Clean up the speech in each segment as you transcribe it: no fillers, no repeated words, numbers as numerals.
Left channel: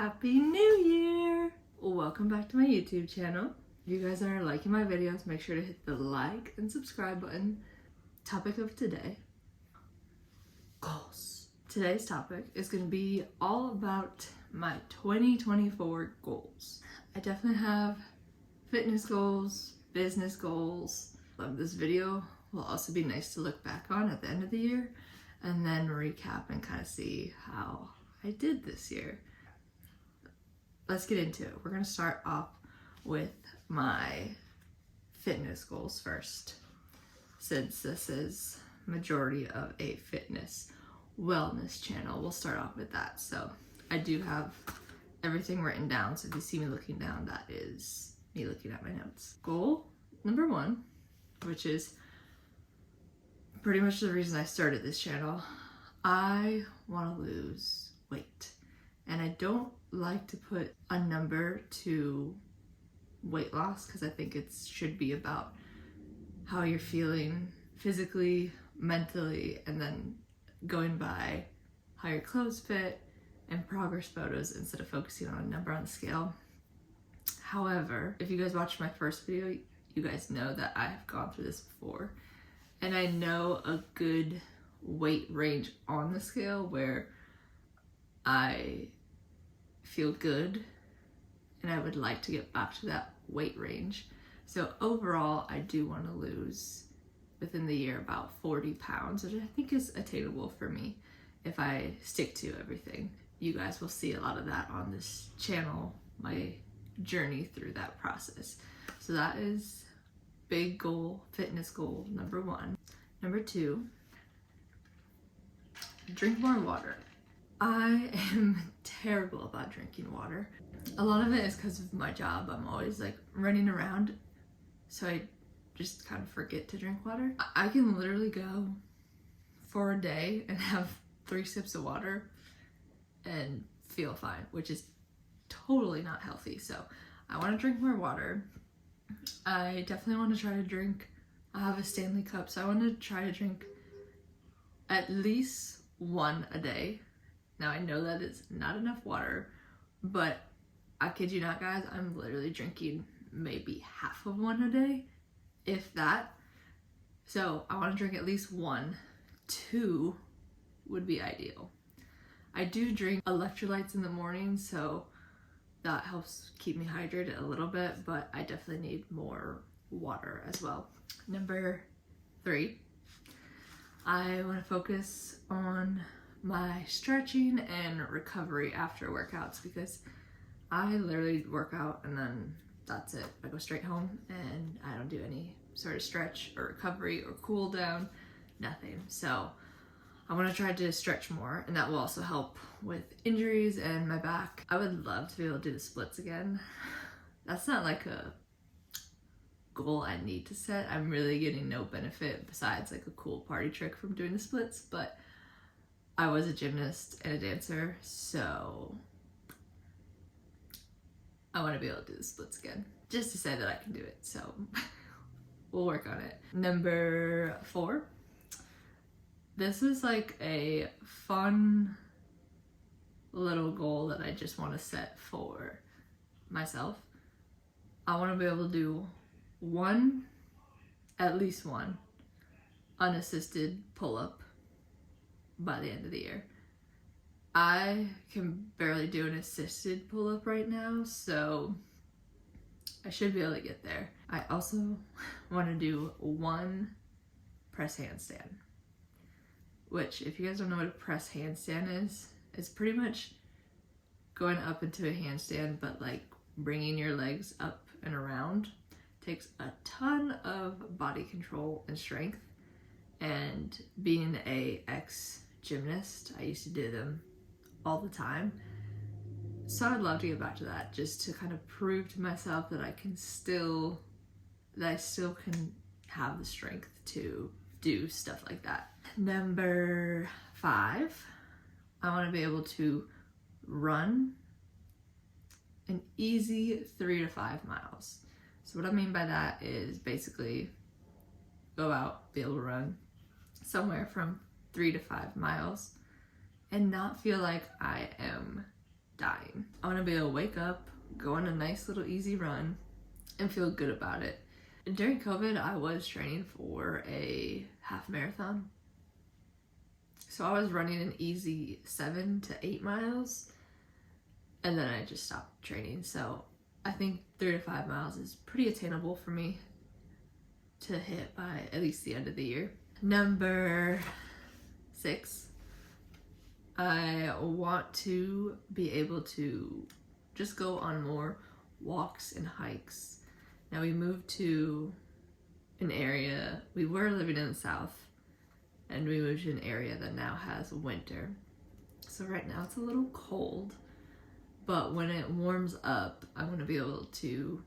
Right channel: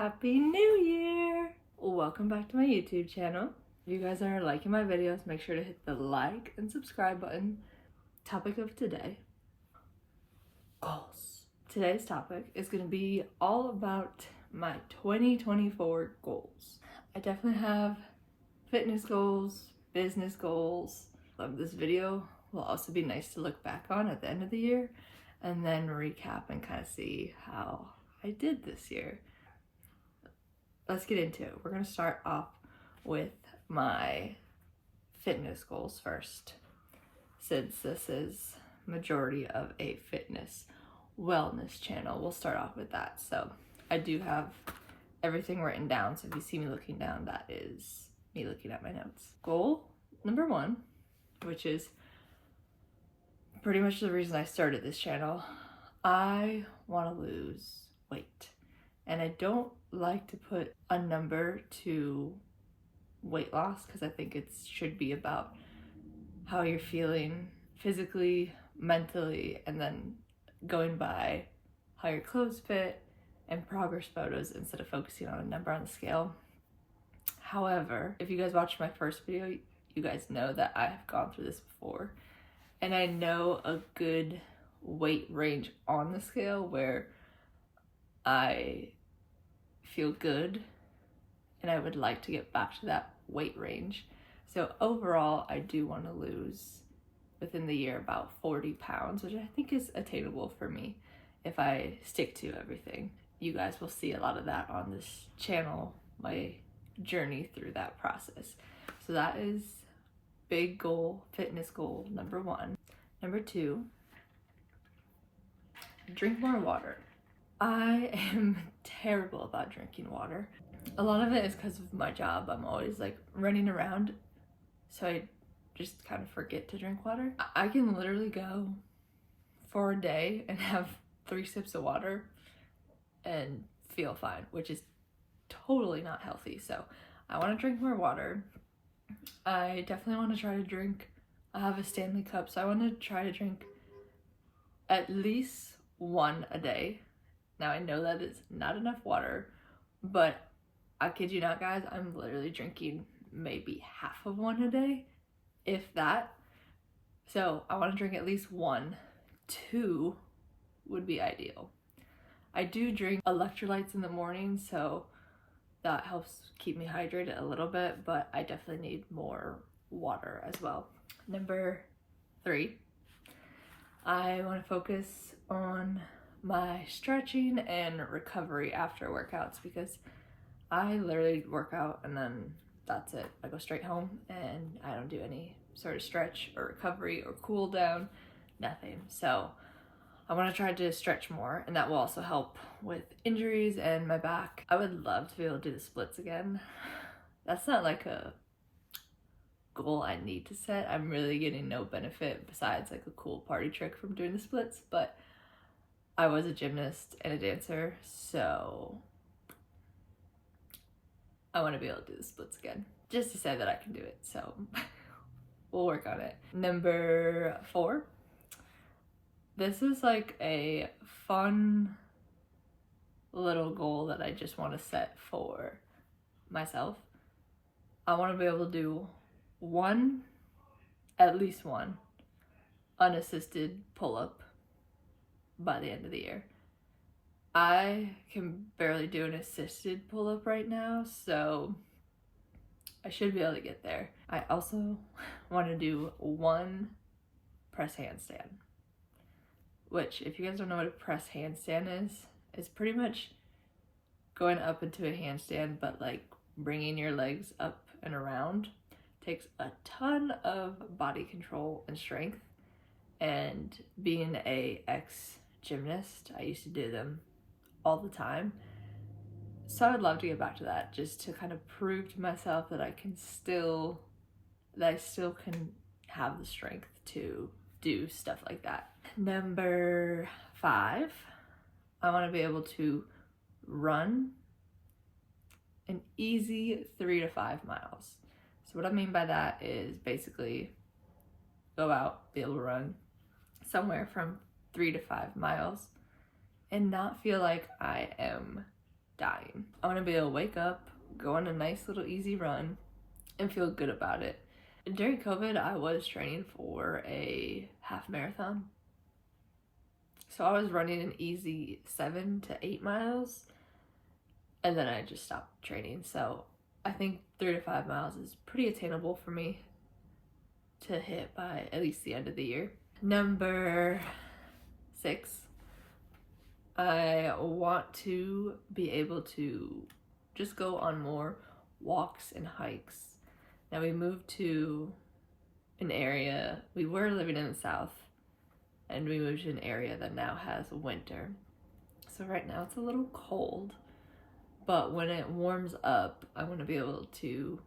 Happy New Year! Welcome back to my YouTube channel. If you guys are liking my videos, make sure to hit the like and subscribe button. Topic of today, goals. Today's topic is going to be all about my 2024 goals. I definitely have fitness goals, business goals. This video will also be nice to look back on at the end of the year and then recap and kind of see how I did this year. Let's get into it. We're going to start off with my fitness goals first, since this is majority of a fitness wellness channel. We'll start off with that. So I do have everything written down, so if you see me looking down, that is me looking at my notes. Goal number 1, which is pretty much the reason I started this channel. I want to lose weight, and I don't like to put a number to weight loss because I think it should be about how you're feeling physically, mentally, and then going by how your clothes fit and progress photos instead of focusing on a number on the scale. However, if you guys watched my first video, you guys know that I have gone through this before, and I know a good weight range on the scale where I feel good and I would like to get back to that weight range. So overall, I do want to lose within the year about 40 pounds, which I think is attainable for me if I stick to everything. You guys will see a lot of that on this channel, my journey through that process. So that is big goal, fitness goal number 1. Number 2, drink more water. I am terrible about drinking water. A lot of it is because of my job. I'm always like running around, so I just kind of forget to drink water. I can literally go for a day and have 3 sips of water and feel fine, which is totally not healthy. So I want to drink more water. I definitely want to try to drink, I have a Stanley cup, so I want to try to drink at least 1 a day. Now I know that is not enough water, but I kid you not, guys, I'm literally drinking maybe half of 1 a day, if that. So I want to drink at least 1. 2 would be ideal. I do drink electrolytes in the morning, so that helps keep me hydrated a little bit, but I definitely need more water as well. Number 3, I want to focus on my stretching and recovery after workouts, because I literally work out and then that's it. I go straight home and I don't do any sort of stretch or recovery or cool down, nothing. So I want to try to stretch more, and that will also help with injuries and my back. I would love to be able to do the splits again. That's not like a goal I need to set. I'm really getting no benefit besides like a cool party trick from doing the splits, but I was a gymnast and a dancer, so I want to be able to do the splits again, just to say that I can do it. So we'll work on it. Number 4, this is like a fun little goal that I just want to set for myself. I want to be able to do at least one unassisted pull-up by the end of the year. I can barely do an assisted pull-up right now, so I should be able to get there. I also want to do 1 press handstand, which, if you guys don't know what a press handstand is, it's pretty much going up into a handstand, but like bringing your legs up and around. Takes a ton of body control and strength, and being a ex-gymnast, I used to do them all the time. So I'd love to get back to that, just to kind of prove to myself that I still can have the strength to do stuff like that. Number 5, I want to be able to run an easy 3 to 5 miles. So what I mean by that is basically go out, be able to run somewhere from 3 to 5 miles and not feel like I am dying. I want to be able to wake up, go on a nice little easy run, and feel good about it. During COVID, I was training for a half marathon. So I was running an easy 7 to 8 miles, and then I just stopped training. So I think 3 to 5 miles is pretty attainable for me to hit by at least the end of the year. Number 6, I want to be able to just go on more walks and hikes. Now we moved to an area, we were living in the South, and we moved to an area that now has winter. So right now it's a little cold, but when it warms up, I want to be able to,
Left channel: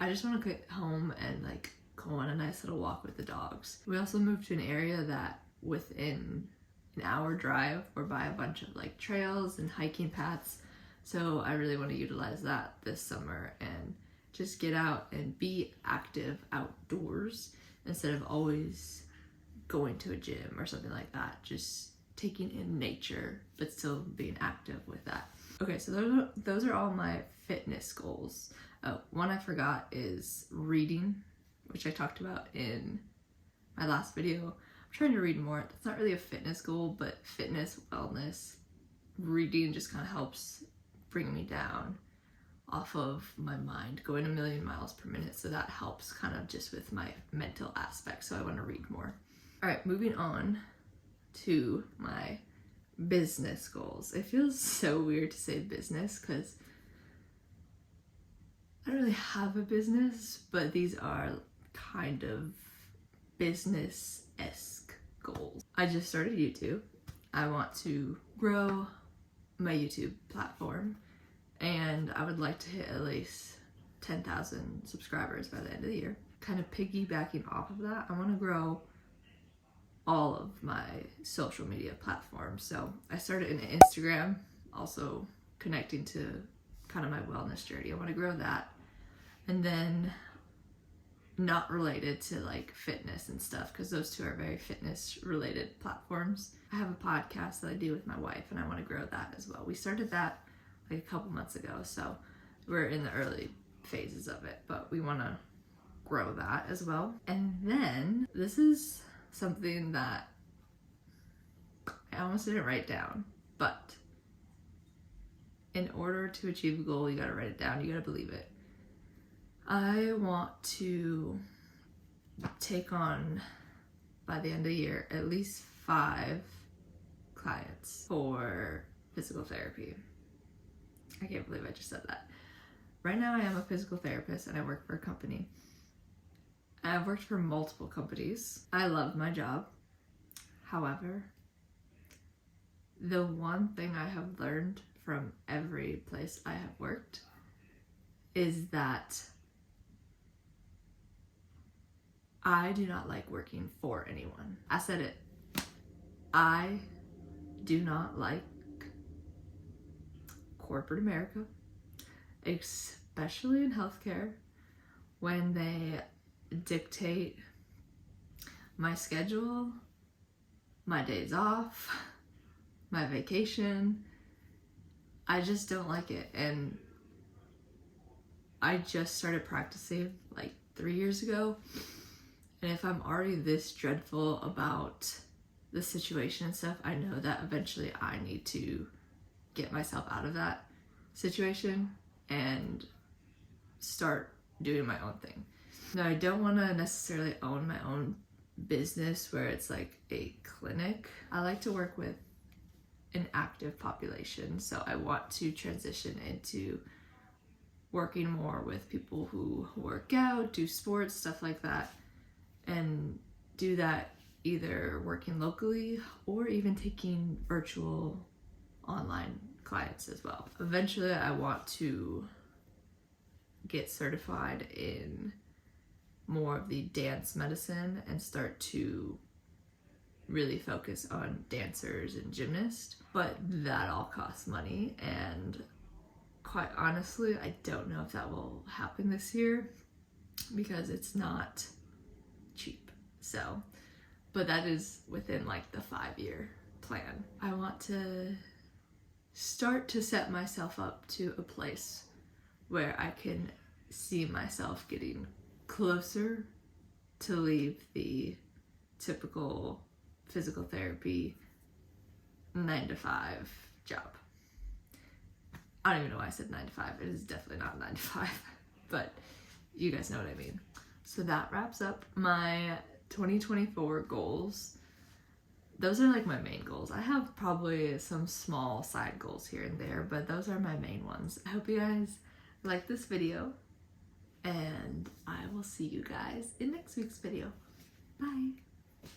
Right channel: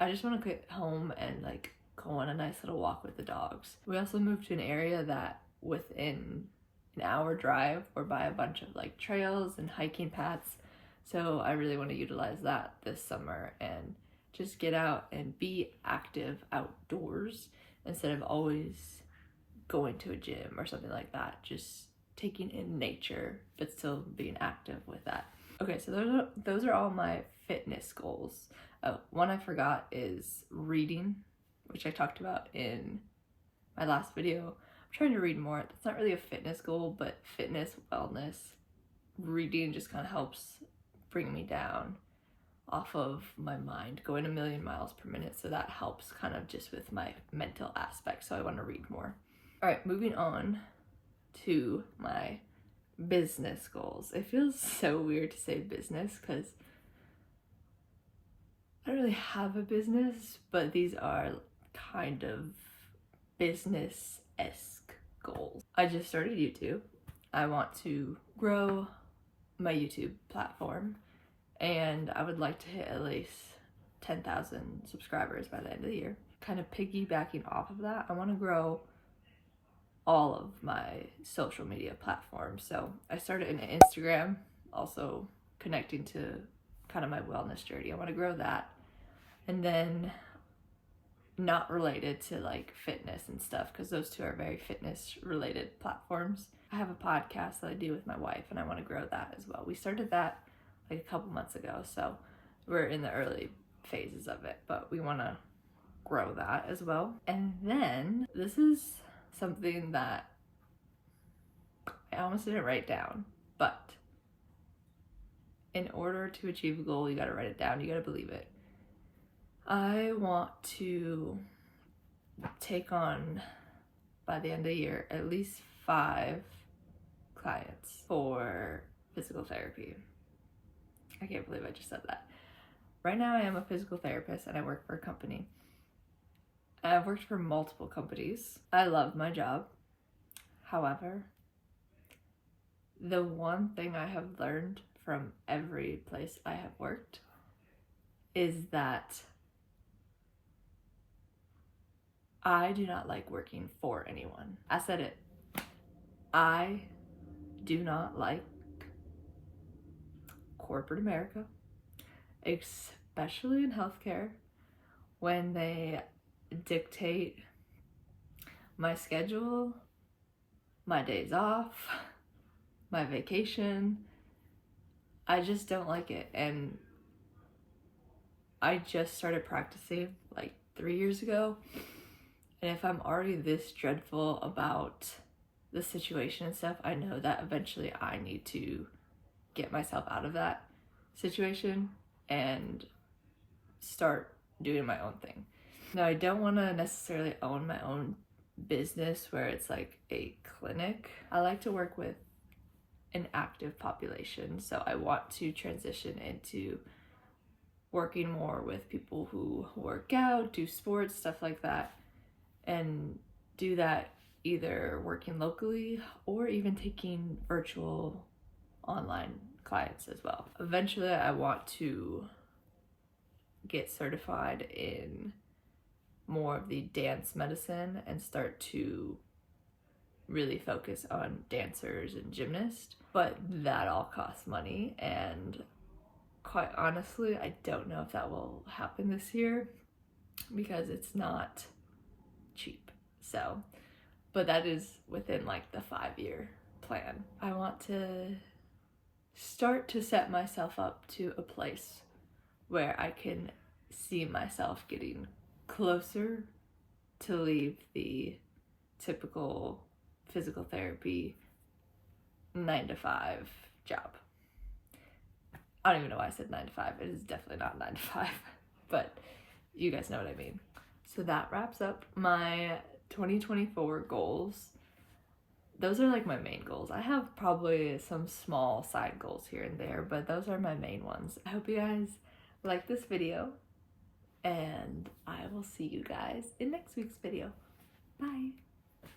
I just want to get home and like go on a nice little walk with the dogs. We also moved to an area that within an hour drive we're by a bunch of like trails and hiking paths. So I really want to utilize that this summer and just get out and be active outdoors instead of always going to a gym or something like that. Just taking in nature, but still being active with that. Okay, so those are all my fitness goals. Oh, one I forgot is reading, which I talked about in my last video. I'm trying to read more. It's not really a fitness goal, but fitness, wellness, reading just kind of helps bring me down off of my mind, going a million miles per minute. So that helps kind of just with my mental aspect. So I want to read more. All right, moving on to my business goals. It feels so weird to say business because I don't really have a business, but these are kind of business-esque goals. I just started YouTube. I want to grow my YouTube platform, and I would like to hit at least 10,000 subscribers by the end of the year. Kind of piggybacking off of that, I want to grow all of my social media platforms. So I started an Instagram, also connecting to kind of my wellness journey. I want to grow that. And then not related to like fitness and stuff, because those two are very fitness related platforms. I have a podcast that I do with my wife, and I want to grow that as well. We started that like a couple months ago, so we're in the early phases of it, but we want to grow that as well. And then this is something that I almost didn't write down, but in order to achieve a goal, you got to write it down. You got to believe it. I want to take on, by the end of the year, at least 5 clients for physical therapy. I can't believe I just said that. Right now I am a physical therapist and I work for a company. I've worked for multiple companies. I love my job. However, the one thing I have learned from every place I have worked is that I do not like working for anyone. I said it. I do not like corporate America, especially in healthcare, when they dictate my schedule, my days off, my vacation. I just don't like it. And I just started practicing like 3 years ago. And if I'm already this dreadful about the situation and stuff, I know that eventually I need to get myself out of that situation and start doing my own thing. Now, I don't want to necessarily own my own business where it's like a clinic. I like to work with an active population, so I want to transition into working more with people who work out, do sports, stuff like that, and do that either working locally or even taking virtual online clients as well. Eventually, I want to get certified in more of the dance medicine and start to really focus on dancers and gymnasts, but that all costs money, and quite honestly, I don't know if that will happen this year because it's not cheap. So, but that is within like the 5-year plan. I want to start to set myself up to a place where I can see myself getting closer to leave the typical physical therapy 9 to 5 job. I don't even know why I said 9 to 5. It is definitely not 9 to 5, but you guys know what I mean. So that wraps up my 2024 goals. Those are like my main goals. I have probably some small side goals here and there, but those are my main ones. I hope you guys like this video, and I will see you guys in next week's video. Bye.